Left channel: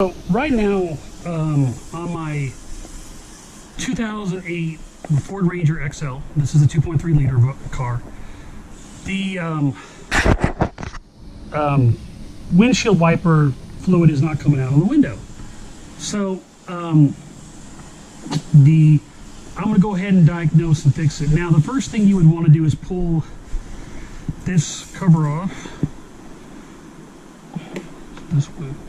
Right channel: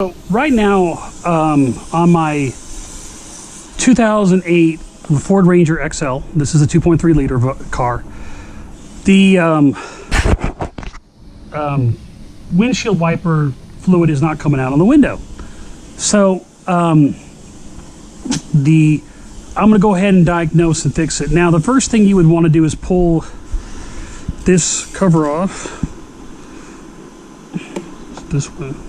So right now, on my 2008 Ford Ranger XL, this is a 2.3 liter car, the windshield wiper fluid is not coming out on the window. So I'm going to go ahead and diagnose and fix it. Now, the first thing you would want to do is pull this cover off. This one.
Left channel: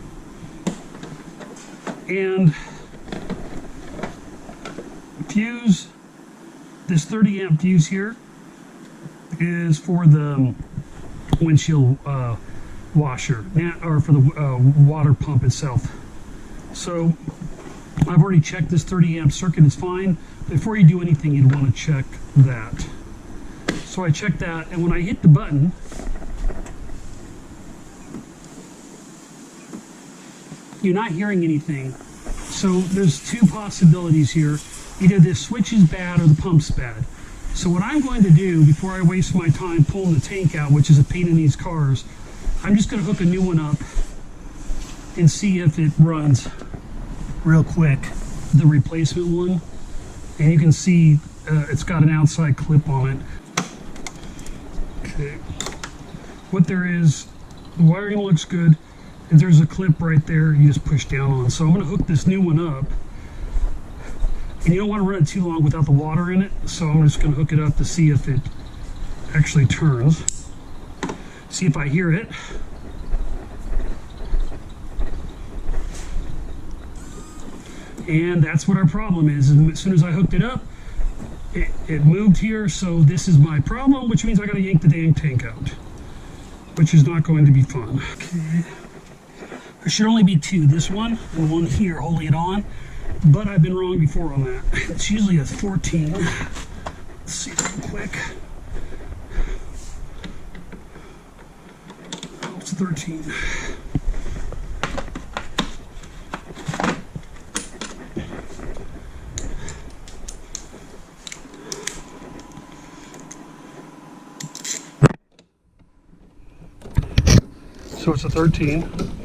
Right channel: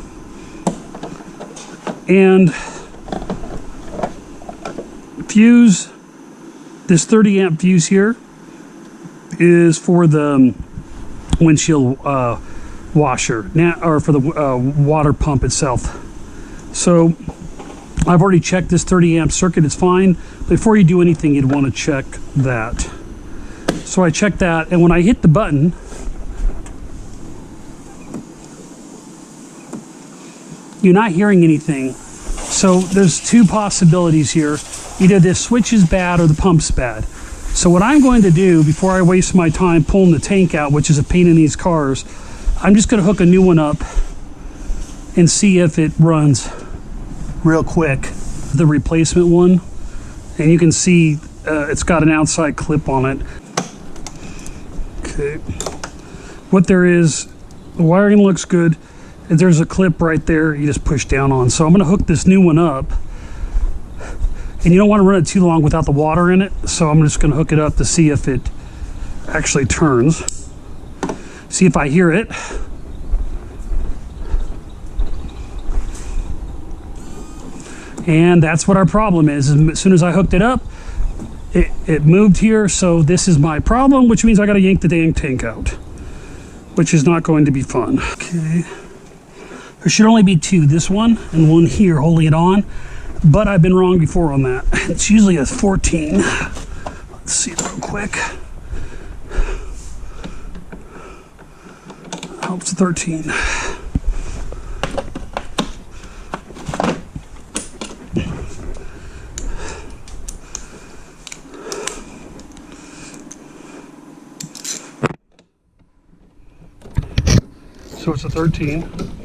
And fuse, this 30 amp fuse here is for the windshield washer, now, or for the water pump itself. So I've already checked this 30 amp circuit, it's fine. Before you do anything, you'd want to check that. So I checked that, and when I hit the button, you're not hearing anything. So there's two possibilities here. Either this switch is bad or the pump's bad. So what I'm going to do before I waste my time pulling the tank out, which is a pain in these cars, I'm just going to hook a new one up and see if it runs real quick. The replacement one, and you can see it's got an outside clip on it. Okay. What there is, the wiring looks good. There's a clip right there you just push down on. So I'm going to hook this new one up. And you don't want to run it too long without the water in it. So I'm just going to hook it up to see if it actually turns. See if I hear it. And that's what our problem is. As soon as I hooked it up, it moved here. So this is my problem, which means I got to yank the dang tank out, which is not going to be fun. Okay. There should only be two, this one and one here holding it on, but I've been wrong before on that. It's usually a 14. Let's see real quick. Oh, it's a 13. So it's a 13.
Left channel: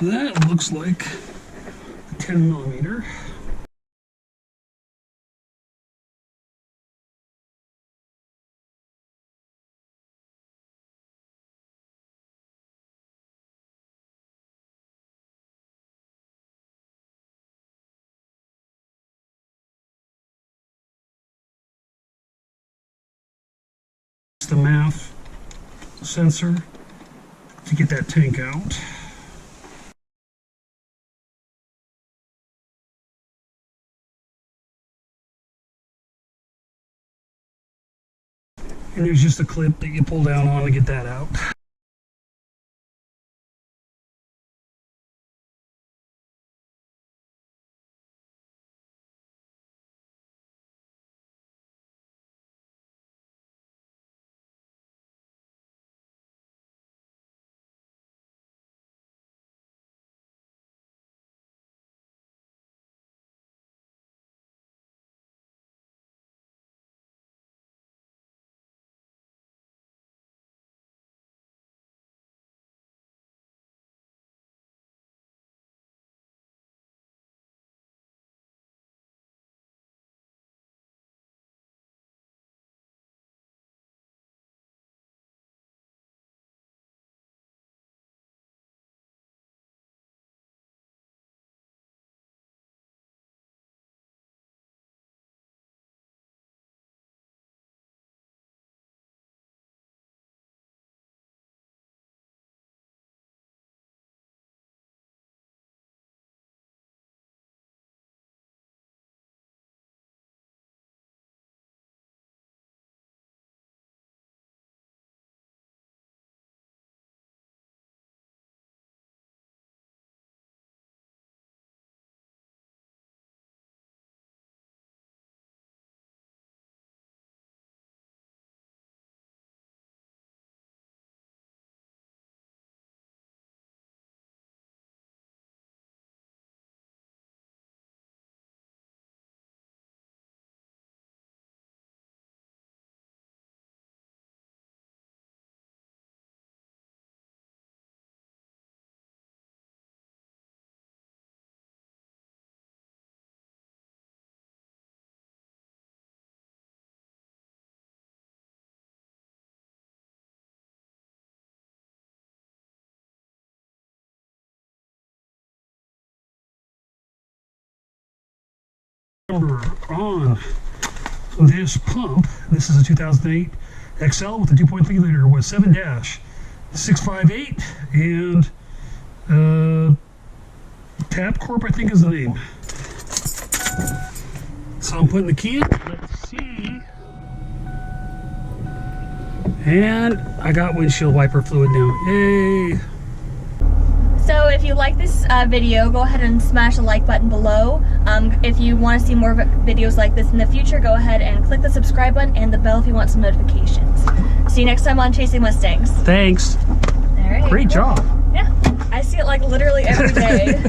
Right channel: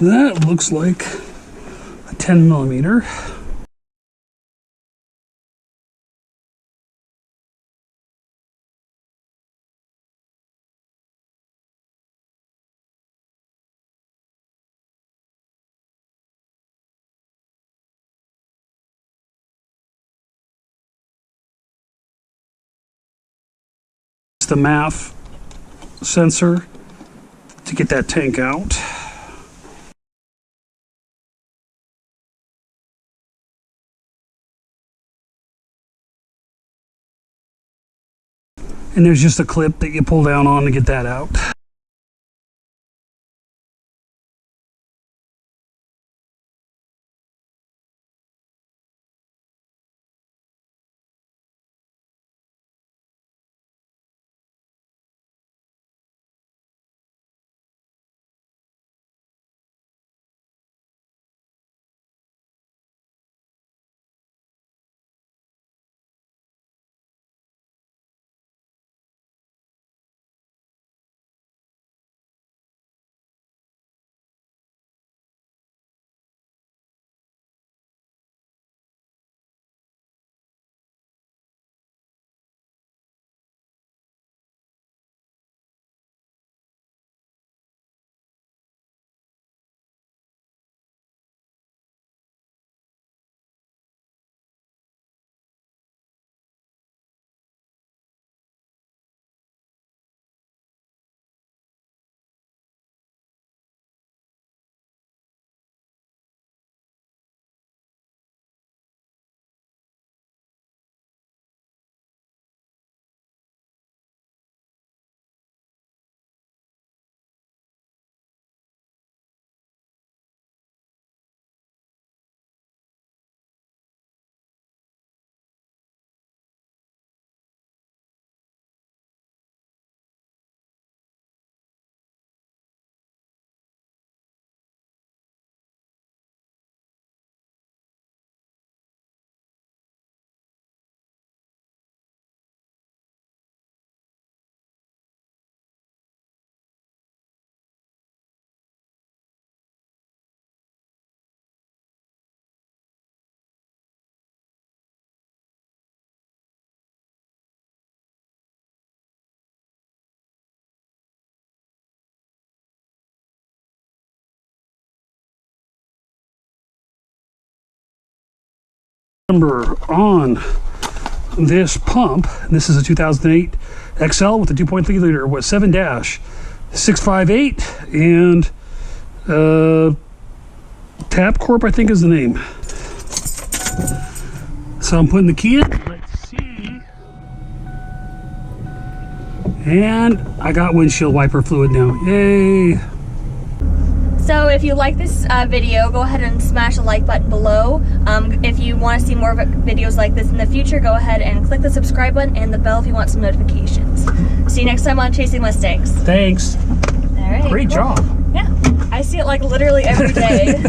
That looks like a 10 millimeter. It's the MAF sensor to get that tank out. And there's just a clip that you pull down on to get that out. Number on this pump, this is a 2008 XL with a 2.3 liter, was 7-658, and Tap Corp, I think is the name. So I'm putting the key in. Let's see. And I got windshield wiper fluid now. Yay! So if you like this video, go ahead and smash the like button below. If you want to see more videos like this in the future, go ahead and click the subscribe button and the bell if you want some notifications. See you next time on Chasing Mustangs. Thanks. All right. Great job. Yeah, I see it like literally every day.